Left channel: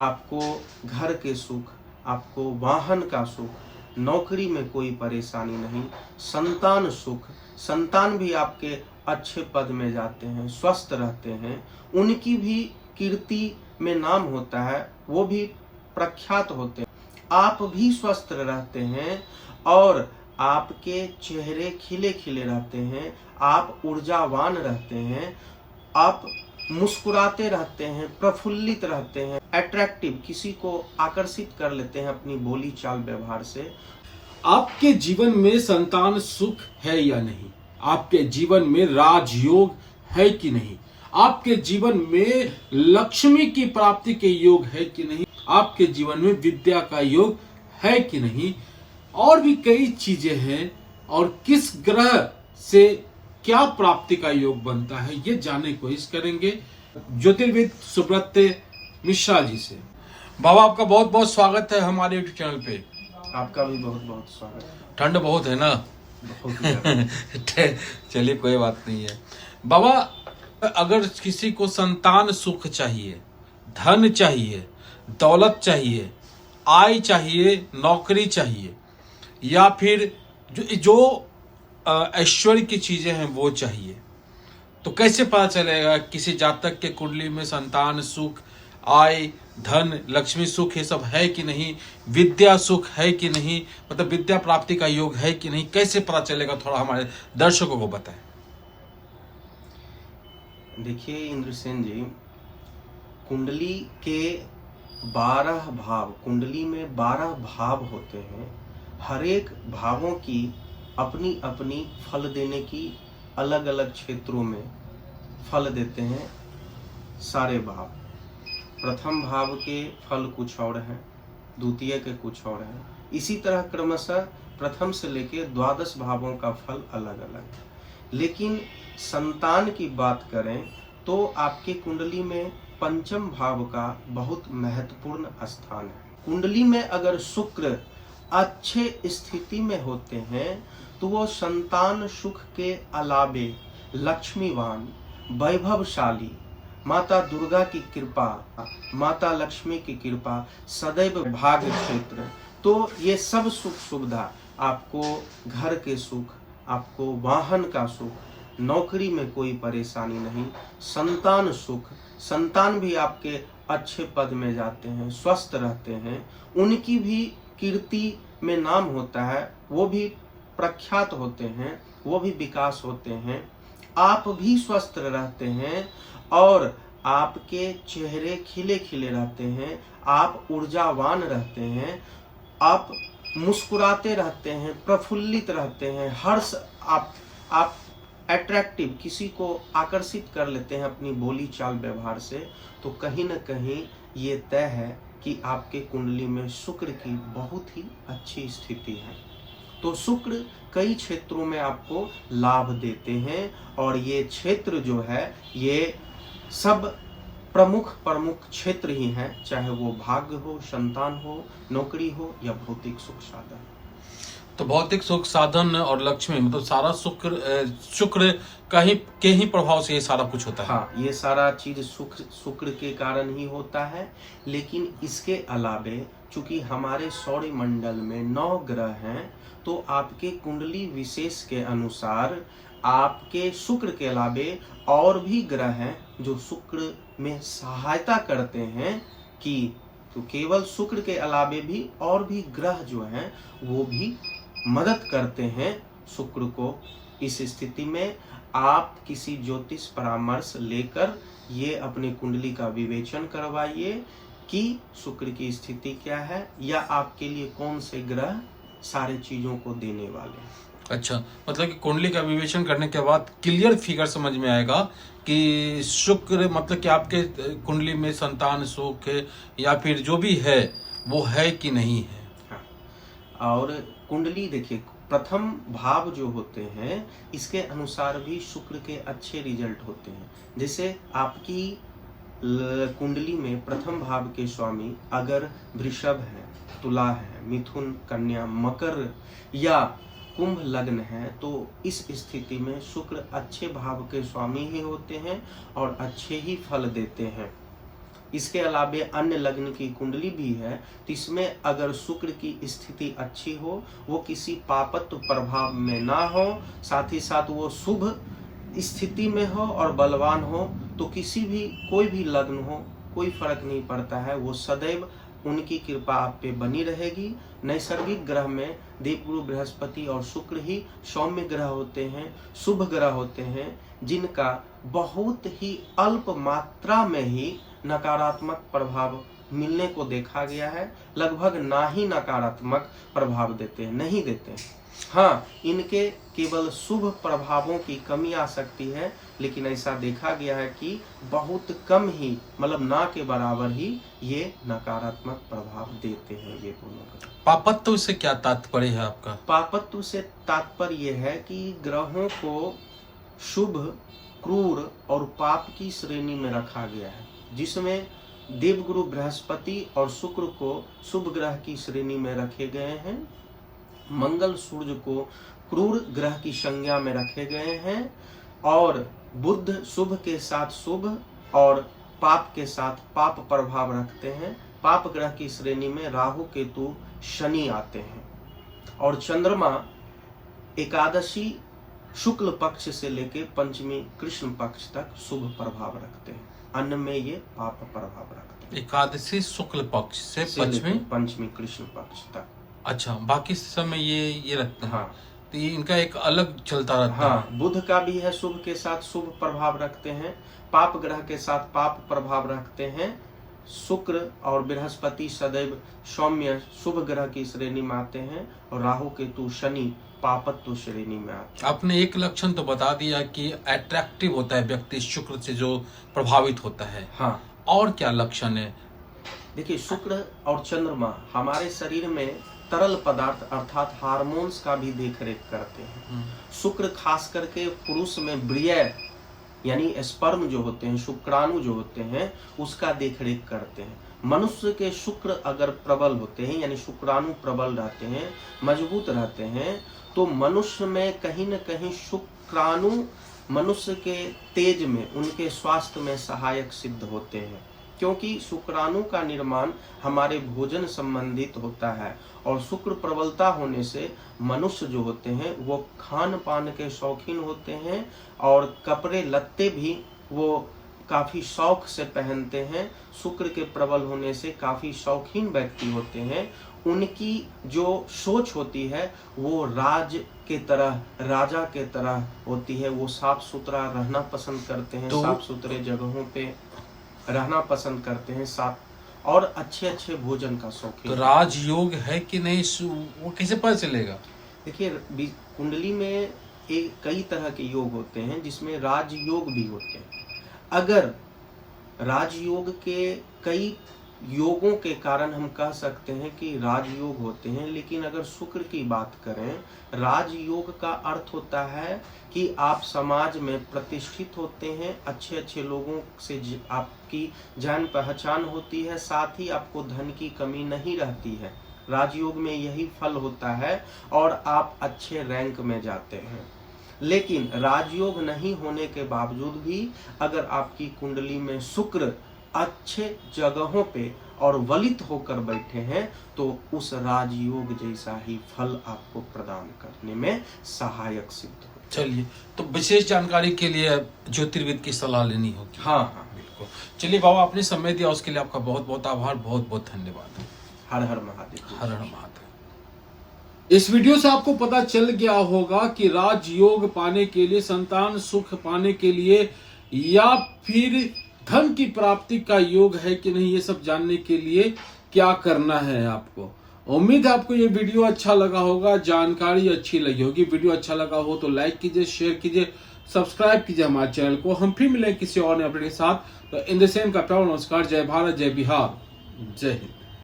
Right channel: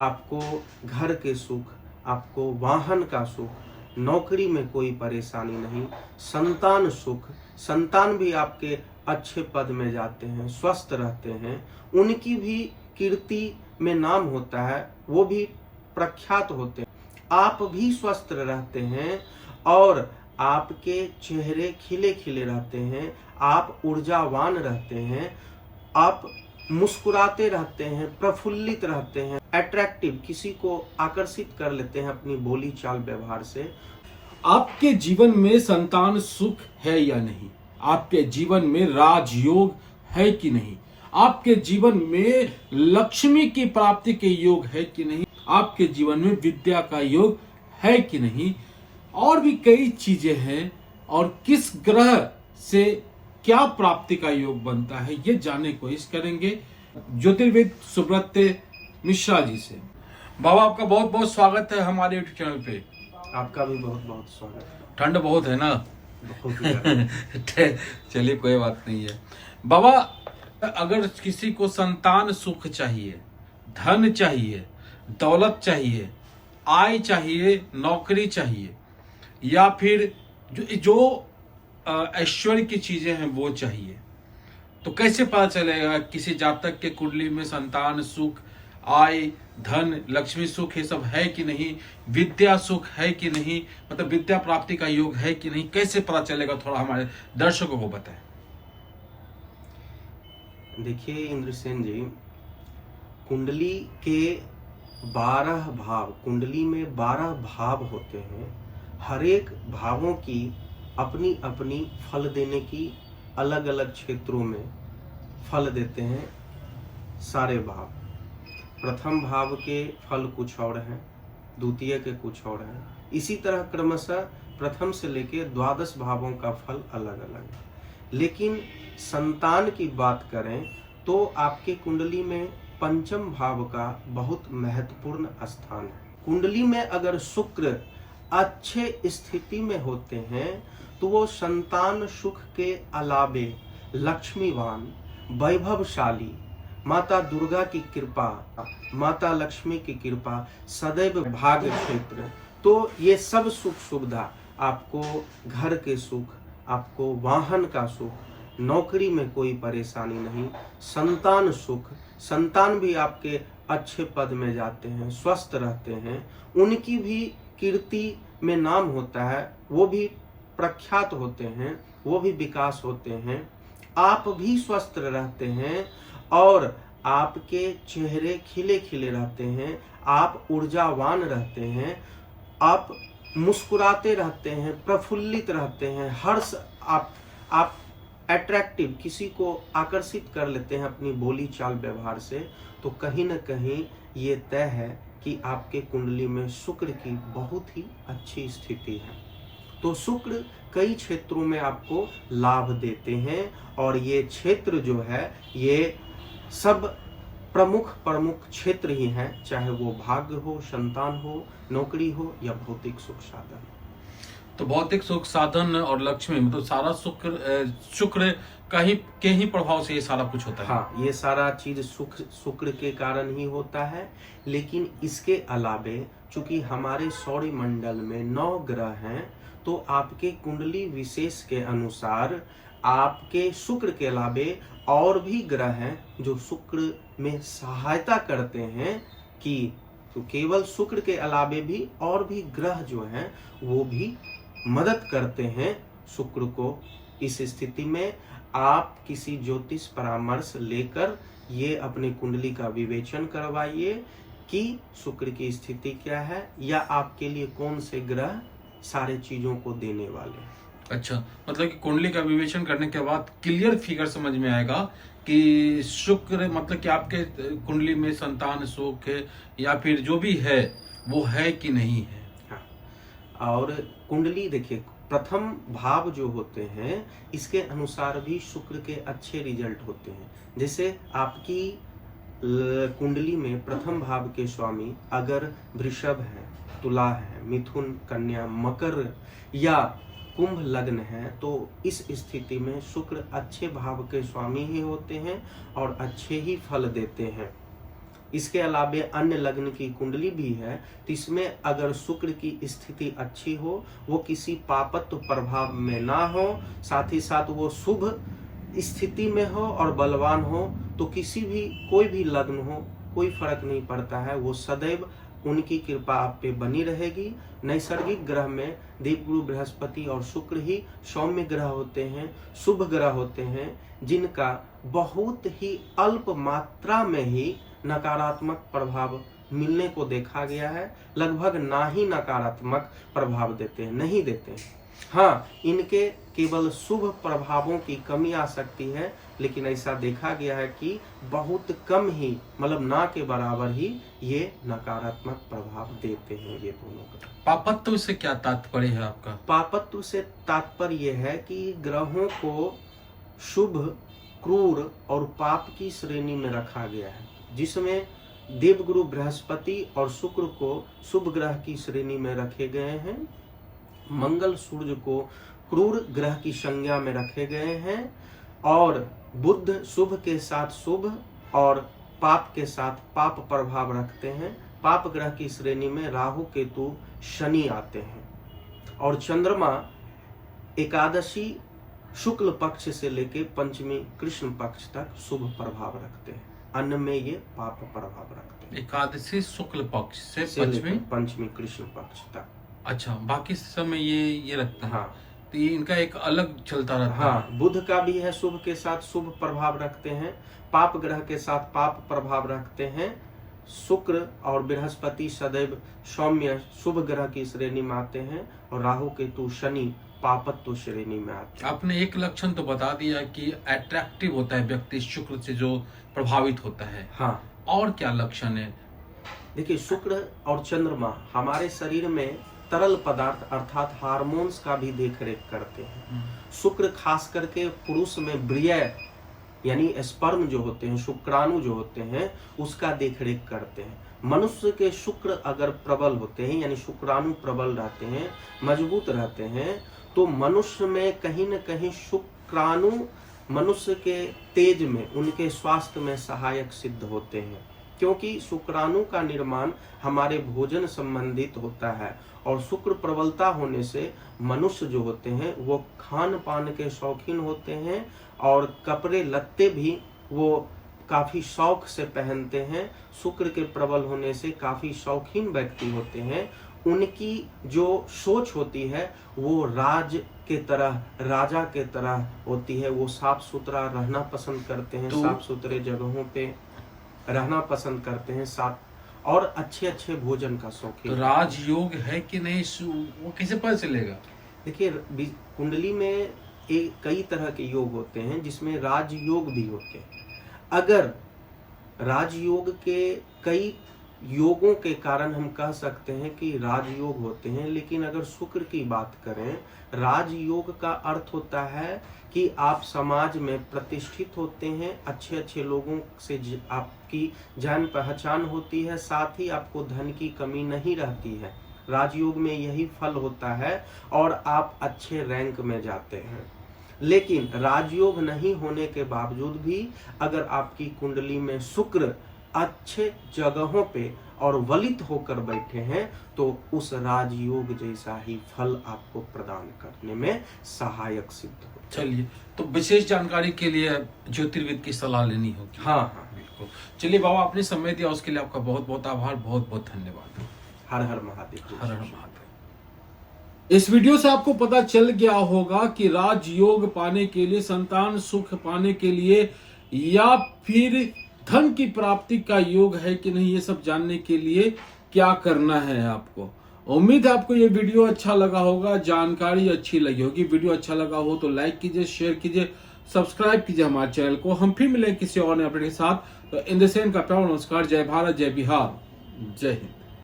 आपको घर के सुख, आपको वाहन का सुख, नौकरी में कोई परेशानी नहीं, संतान सुख, संतान भी आपके अच्छे पद में जाते हैं, स्वस्थ रहते हैं, उनकी भी कीर्ति में नाम होता है, वो भी प्रख्यात होते हैं, आप भी स्वस्थ रहते हैं और आपके चेहरे खिले खिले रहते हैं, आप ऊर्जावान रहते हैं, आप मुस्कुराते रहते हैं, प्रफुल्लित रहते हैं, अट्रैक्टिव, किसी को आकर्षित कर लेते हैं अपनी बोली चाल व्यवहार से। आपके जीवन में संतान सुख है या नहीं, आपके जीवन में राजयोग है कि नहीं, आपके जीवन में लक्ष्मी की प्राप्ति के योग है कि नहीं, आपके जीवन में विद्या का योग है कि नहीं, और भी कई चीजें हैं, और किस ग्रह से क्या प्राप्ति का योग बनता है, ये जानने की कोशिश करेंगे ज्योतिर्विद सुब्रत मिश्रा जी से। बाबा, आपका बहुत बहुत स्वागत है हमारे यूट्यूब चैनल पे। आपका भी बहुत बहुत स्वागत है। ठंड बहुत है ना? बहुत चलिए, कोई बात नहीं है। बाबा, अगर किसी को संतान सुख चाहिए, धन चाहिए, दौलत चाहिए, आय चाहिए, नौकरी चाहिए, या फिर जो ऐश्वर्य की चीजें हैं वो चाहिए, तो कैसे पता चलेगा किसी जातक के कुंडली में संतान सुख, आय, धन, लक्ष्मी सुख ये सब है कि नहीं, विद्या सुख है कि नहीं, मतलब विद्या प्राप्ति का योग है कि नहीं, कैसे पता चलेगा? थोड़ा हमारे दर्शकों को बताएं। देखिए इंद्रसेन जी, कुंडली के 12 भाव, कुंडली में 12 भाव होते हैं। हर एक भावों की अपनी अपनी फल देने की अलग अलग क्षेत्रों में फल देते हैं सारे भाव। प्रथम भाव के फल कुछ और हैं, द्वितीय के कुछ और हैं, इसी तरह क्रमशः प्रथम से लेकर 12 भावों का फल अलग अलग है। लेकिन संतान की बात करें तो आपके कुंडली में पंचम भाव का बहुत महत्वपूर्ण स्थान है। कुंडली में अगर शुक्र अच्छे स्थिति में होते हैं तो वो संतान सुख के अलावे लक्ष्मीवान, वैभवशाली, माता दुर्गा की कृपा, माता लक्ष्मी की कृपा, सदैव भाग्य क्षेत्र, तो ये सब सुख सुविधा, आपको घर के सुख, आपको वाहन का सुख, नौकरी में कोई परेशानी नहीं, संतान सुख, संतान भी आपके अच्छे पद में जाते हैं, स्वस्थ रहते हैं, उनकी भी कीर्ति में नाम होता है, वो भी प्रख्यात होते हैं, वो भी विकास होते हैं, आप भी स्वस्थ रहते हैं और आपके चेहरे खिले खिले रहते हैं, आप ऊर्जावान रहते हैं, आप मुस्कुराते रहते हैं, प्रफुल्लित रहते हैं, हर्ष, आप अट्रैक्टिव, किसी को आकर्षित कर लेते हैं अपनी बोली चाल व्यवहार से। तो कहीं ना कहीं ये तय है कि आपके कुंडली में शुक्र की बहुत ही अच्छी स्थिति है। तो शुक्र कई क्षेत्रों में आपको लाभ देते हैं और ये क्षेत्र जो है ये सब प्रमुख क्षेत्र ही हैं, चाहे वो भाग्य हो, संतान हो, नौकरी हो या भौतिक सुख साधन। तो भौतिक सुख साधन और लक्ष्मी, मतलब सारा शुक्र के ही प्रभाव से ये सारा कुछ होता है। हाँ, ये सारा चीज शुक्र के कारण ही होता है। लेकिन इसके अलावे चूंकि हमारे सौर मंडल में 9 ग्रह हैं, तो आपके कुंडली विशेष के अनुसार आपके शुक्र के अलावे और भी ग्रह हैं जो शुक्र में सहायता करते हैं कि, तो केवल शुक्र के अलावे भी और भी ग्रह जो हैं वो भी मदद करते हैं शुक्र को। इस स्थिति में आप किसी ज्योतिष परामर्श लेकर ये अपनी कुंडली का विवेचन करवाइए कि शुक्र की स्थिति क्या है या आपके लिए कौन से ग्रह सारे चीजों को देने वाले हैं। अच्छा, मतलब कि कुंडली का विवेचन करने के बाद क्लियर फिगर समझ में आएगा कि शुक्र, मतलब कि आपके कुंडली में संतान सुख या फिर जो भी है वो है कि नहीं है। हाँ, और कुंडली देखिए, प्रथम भाव जो होते हैं इसके अनुसार भी शुक्र के अच्छे रिजल्ट होते हैं। जैसे आपकी कुंडली में प्रथम भाव के स्वामी अगर वृषभ है, तुला है, मिथुन, कन्या, मकर या कुंभ लग्न है, तो इस स्थिति में शुक्र अच्छे भाव के स्वामी ही होते हैं और अच्छे ही फल देते हैं। इसके अलावे अन्य लग्न की कुंडली भी है, तो इसमें अगर शुक्र की स्थिति अच्छी हो, वो किसी पापत्व प्रभाव में ना हो, साथ ही साथ वो शुभ स्थिति में हो और बलवान हो, तो किसी भी कोई भी लग्न हो कोई फर्क नहीं पड़ता है, वो सदैव उनकी कृपा आप पे बनी रहेगी। नैसर्गिक ग्रह में देवगुरु बृहस्पति और शुक्र ही सौम्य ग्रह होते हैं, शुभ ग्रह होते हैं, जिनका बहुत ही अल्प मात्रा में ही नकारात्मक प्रभाव मिलने को देखा गया है। लगभग ना ही नकारात्मक प्रभाव देते हैं, नहीं देते हैं। हाँ, इनके केवल शुभ प्रभावों की कमी आ सकती है, लेकिन ऐसा देखा गया है कि बहुत कम ही, मतलब ना के बराबर ही ये नकारात्मक प्रभाव देते हैं ये दोनों ग्रह। पापत्व से क्या तात्पर्य है आपका? पापत्व से तात्पर्य यह है कि ग्रहों को शुभ, क्रूर और पाप की श्रेणी में रखा गया है, जिसमें देवगुरु बृहस्पति और शुक्र को शुभ ग्रह की श्रेणी में रखे गए हैं, मंगल सूर्य को क्रूर ग्रह की संज्ञा में रखे गए हैं, और बुध शुभ के साथ शुभ और पाप के साथ पाप प्रभाव रखते हैं। पाप ग्रह की श्रेणी में राहु, केतु, शनि आते हैं, और चंद्रमा एकादशी शुक्ल पक्ष से लेके पंचमी कृष्ण पक्ष तक शुभ प्रभाव रखते हैं, अन्य में ये पाप प्रभाव रखते हैं। एकादशी शुक्ल पक्ष से पंचमी कृष्ण पक्ष तक। अच्छा, बाकी समय ये रखते हैं। हाँ, तो ये इनका एक अलग चलता रहता है। हाँ, बुध का भी है, शुभ के साथ शुभ प्रभाव रखते हैं, पाप ग्रह के साथ पाप प्रभाव रखते हैं। शुक्र और बृहस्पति सदैव सौम्य शुभ ग्रह की श्रेणी में आते हैं, और राहु, केतु, शनि पापत्व श्रेणी में आते हैं। आपने एक लक्षण तो बता दिया कि अट्रैक्टिव होता है व्यक्ति शुक्र से जो प्रभावित होता है। हाँ, और क्या लक्षण है? देखिए, शुक्र और चंद्रमा हमारे शरीर में तरल पदार्थ अर्थात हार्मोन्स का भी देख रेख करते हैं। शुक्र खास करके पुरुष में वीर्य यानी स्पर्म जो होते हैं, शुक्राणु जो होते हैं, उसका देख रेख करते हैं। मनुष्य के शुक्र अगर प्रबल होते हैं, यानी शुक्राणु प्रबल रहते हैं, मजबूत रहते हैं, तो मनुष्य में कहीं न कहीं शुक्राणु मनुष्य के तेज में, उनके स्वास्थ्य में सहायक सिद्ध होते हैं, क्योंकि शुक्राणु का निर्माण हमारे भोजन संबंधित होता है, और शुक्र प्रबलता होने से मनुष्य जो होते हैं वो खान पान के शौकीन होते हैं, और कपड़े लत्ते भी वो काफी शौक से पहनते हैं। शुक्र के प्रबल होने से काफी शौकीन व्यक्ति होते हैं। उनकी जो सोच होती है वो राज के तरह, राजा के तरह होती है। वो साफ सुथरा रहना पसंद करते हैं, साफ सुथरे जगहों पे रहना पसंद करते हैं, साथ और अच्छे अच्छे भोजन का शौकीन। तो राजयोग है कि नहीं, वो कैसे पता चलेगा? देखिए, कुंडली में कई तरह के योग होते हैं, जिसमें राजयोग भी होते हैं। अगर राजयोग के कई योगों के कारण हम कह सकते हैं कि राजयोग होते हैं, लेकिन अगर शुक्र की बात करें, राजयोग का अर्थ होता है कि आप समाज में प्रतिष्ठित होते हैं, अच्छे अच्छे लोगों से आपकी जान पहचान होती है, साथ ही आपको धन की कमी नहीं रहती है। राजयोग में यही फल होता है, और आप अच्छे रैंक में जाते हैं। लेकिन राजयोग नहीं होने के बावजूद भी अगर आपकी कुंडली में शुक्र अच्छे जगहों पे और वलित होकर बैठे हैं, तो उस राजयोग जैसा ही फल आपको प्रदान करने में सहायक सिद्ध हो। चलिए, तो विशेष जानकारी के लिए ज्योतिर्विद की सलाह लेनी होगी। हाँ हाँ, बिल्कुल। चलिए बाबा, आपने समय दिया उसके लिए आपका बहुत बहुत आभार, बहुत बहुत धन्यवाद। हर हर महादेव। हर हर महादेव। इस वीडियो से आपको पता चल गया होगा कि राजयोग पाने के लिए, संतान सुख पाने के लिए, या फिर धन की प्राप्ति का योग है कि नहीं, ये सब जानने के लिए क्या करना है आपको। उम्मीद है आपको ये वीडियो अच्छा लगा होगा, जानकारी अच्छी लगी होगी। वीडियो अच्छा लगा हो तो लाइक कीजिए, शेयर कीजिए, सब्सक्राइब कीजिए हमारे चैनल को। हम फिर मिलेंगे किसी और नए अपडेट के साथ। तो इन द सेम का प्यार नमस्कार। जय भारत, जय बिहार, जय हिंद।